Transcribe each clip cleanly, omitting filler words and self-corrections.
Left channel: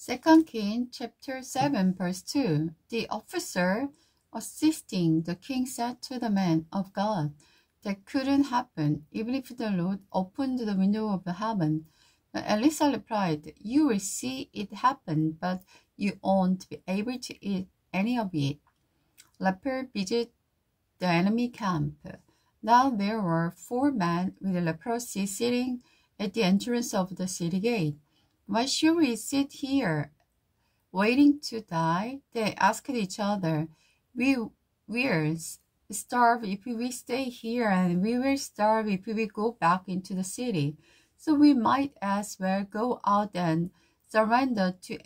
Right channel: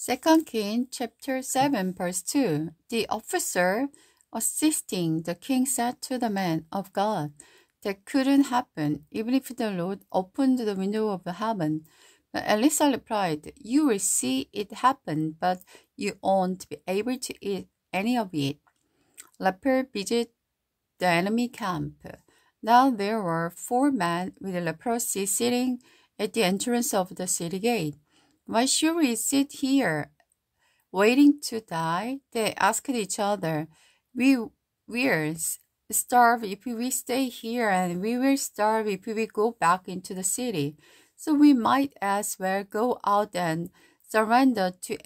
2 Kings chapter 7 verse 2. The officer assisting the king said to the man of God, "That couldn't happen, even if the Lord opened the window of heaven." But Elisha replied, "You will see it happen, but you won't be able to eat any of it." Leper visit the enemy camp. Now there were 4 men with leprosy sitting at the entrance of the city gate. "Why should we sit here, waiting to die?" they asked each other. We'll starve if we stay here, and we will starve if we go back into the city. So we might as well go out and surrender to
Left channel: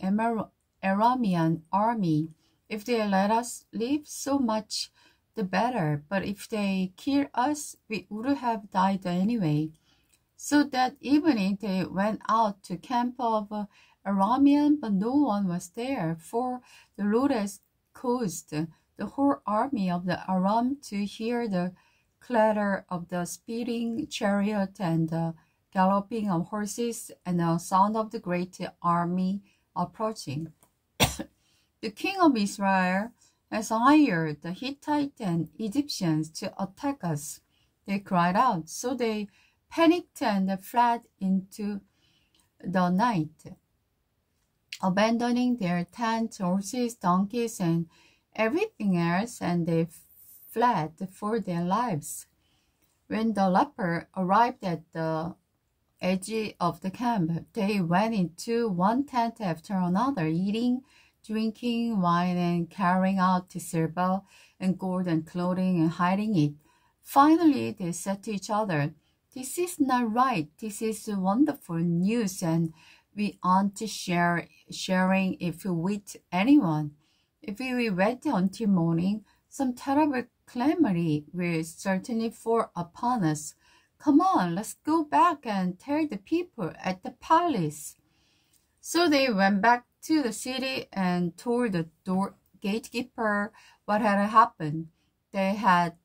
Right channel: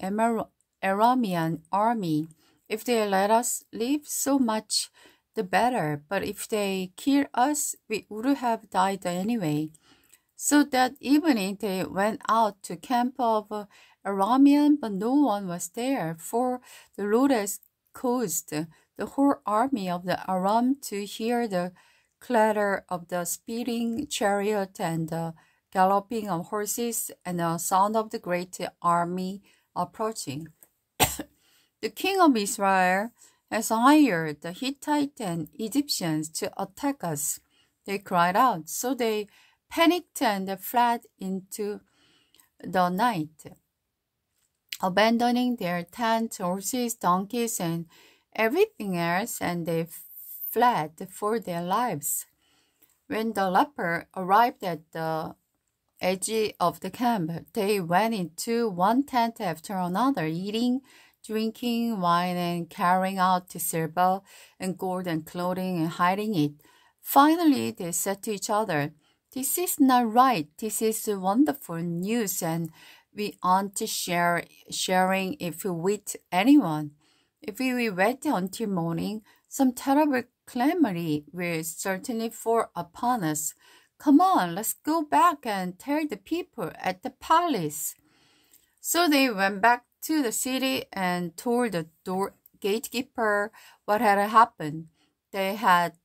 Aramean army. If they let us live, so much the better. But if they kill us, we would have died anyway. So that evening they went out to camp of Aramean, but no one was there, for the Lord has caused the whole army of the Aram to hear the clatter of the speeding chariot and the galloping of horses and the sound of the great army approaching. The king of Israel has hired the Hittites and Egyptians to attack us, they cried out. So they panicked and fled into the night, abandoning their tents, horses, donkeys, and everything else, and they fled for their lives. When the leper arrived at the edge of the camp, they went into one tent after another, eating, drinking wine, and carrying out silver and gold and clothing and hiding it. Finally, they said to each other, "This is not right. This is wonderful news, and we aren't sharing it with anyone. If we wait until morning, some terrible calamity will certainly fall upon us. Come on, let's go back and tell the people at the palace." So they went back to the city and told the gatekeeper what had happened. They had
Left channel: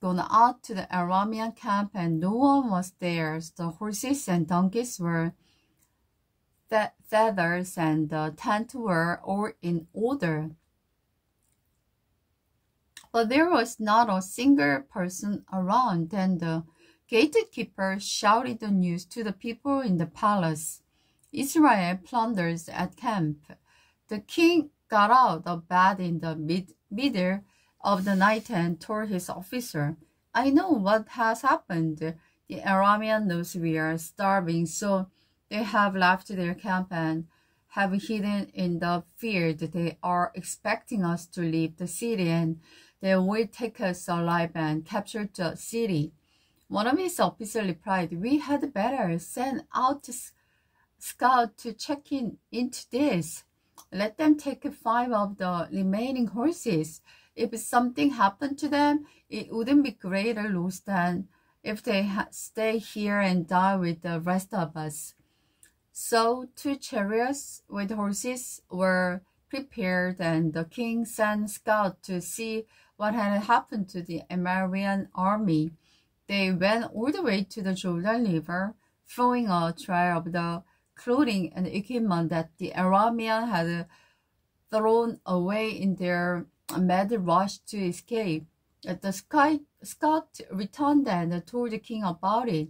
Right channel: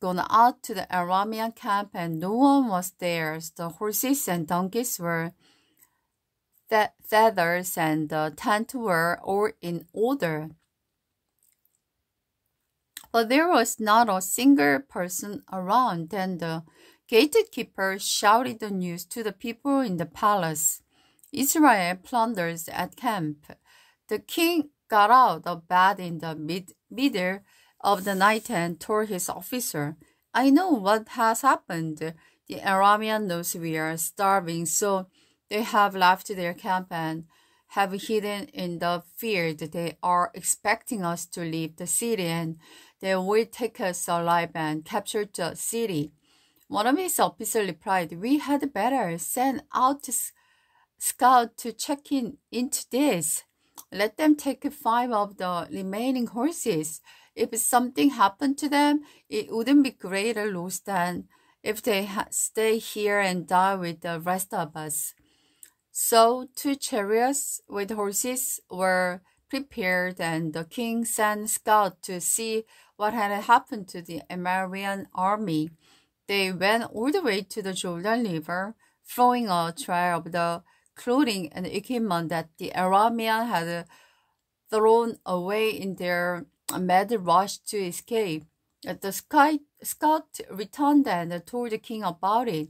gone out to the Aramean camp, and no one was there. The horses and donkeys were feathers, and the tent were all in order. But there was not a single person around. Then the gatekeeper shouted the news to the people in the palace. "Israel plunders at camp." The king got out of bed in the middle of the night and told his officer, "I know what has happened. The Aramean knows we are starving, so they have left their camp and have hidden in the field. They are expecting us to leave the city, and they will take us alive and capture the city." One of his officers replied, "We had better send out scout to check into this. Let them take 5 of the remaining horses. If something happened to them, it wouldn't be greater loss than if they stay here and die with the rest of us." So 2 chariots with horses were prepared, and the king sent scouts to see what had happened to the Aramean army. They went all the way to the Jordan River, throwing a trail of the clothing and equipment that the Arameans had thrown away in their mad rush to escape. The scout returned and told the king about it.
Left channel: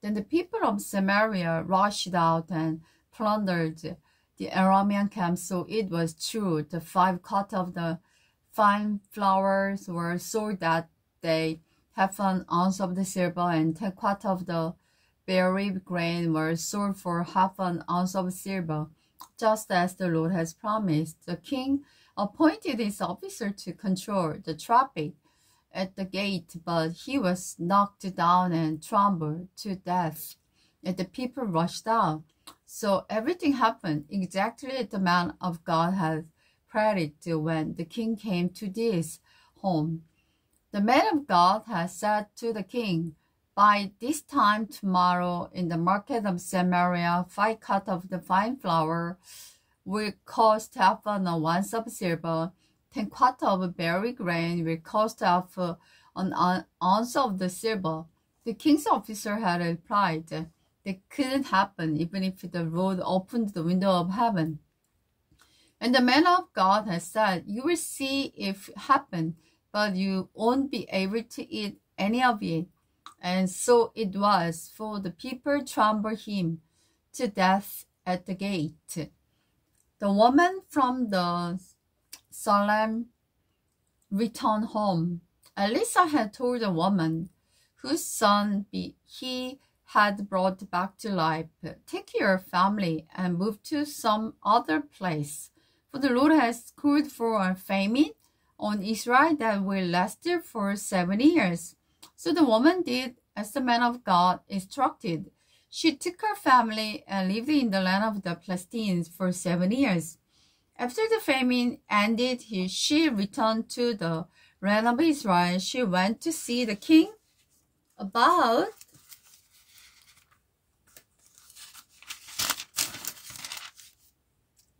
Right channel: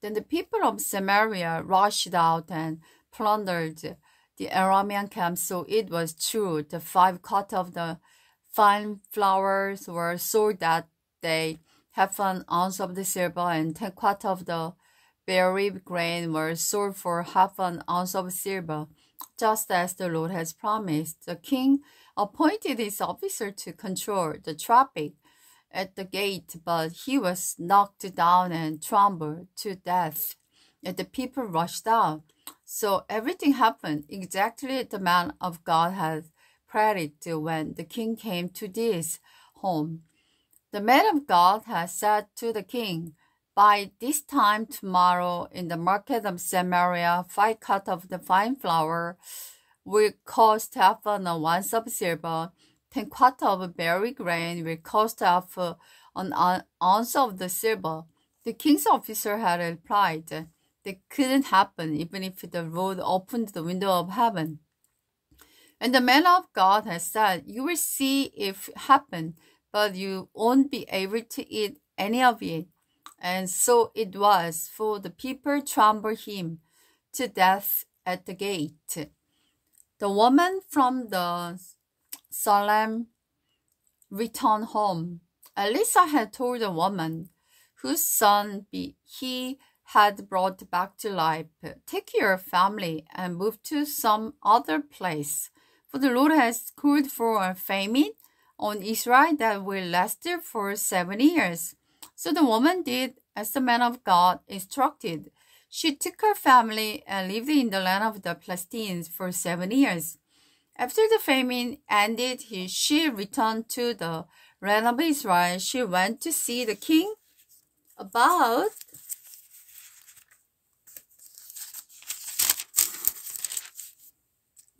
Then the people of Samaria rushed out and plundered the Aramean camp. So it was true. The 5 quarts of the fine flowers were sold that day. Half an ounce of the silver and 10 quarts of the berry grain were sold for half an ounce of silver, just as the Lord has promised. The king appointed his officer to control the traffic at the gate, but he was knocked down and trampled to death, and the people rushed out. So everything happened exactly as the man of God had predicted when the king came to this home. The man of God had said to the king, "By this time tomorrow, in the market of Samaria, 5 quarts of the fine flour will cost half an ounce of silver. 10 quarts of berry grain will cost half an ounce of the silver." The king's officer had replied, that couldn't happen even if the Lord opened the window of heaven. And the man of God has said, you will see it happen, but you won't be able to eat any of it. And so it was, for the people trampled him to death at the gate. The woman from the Salem returned home. Elisa had told the woman whose son he had brought back to life, take your family and move to some other place, for the Lord has called for a famine on Israel that will last for 7 years. So the woman did as the man of God instructed. She took her family and lived in the land of the Philistines for 7 years. After the famine ended, she returned to the land of Israel. She went to see the king about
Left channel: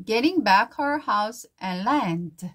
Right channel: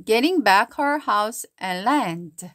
getting back her house and land.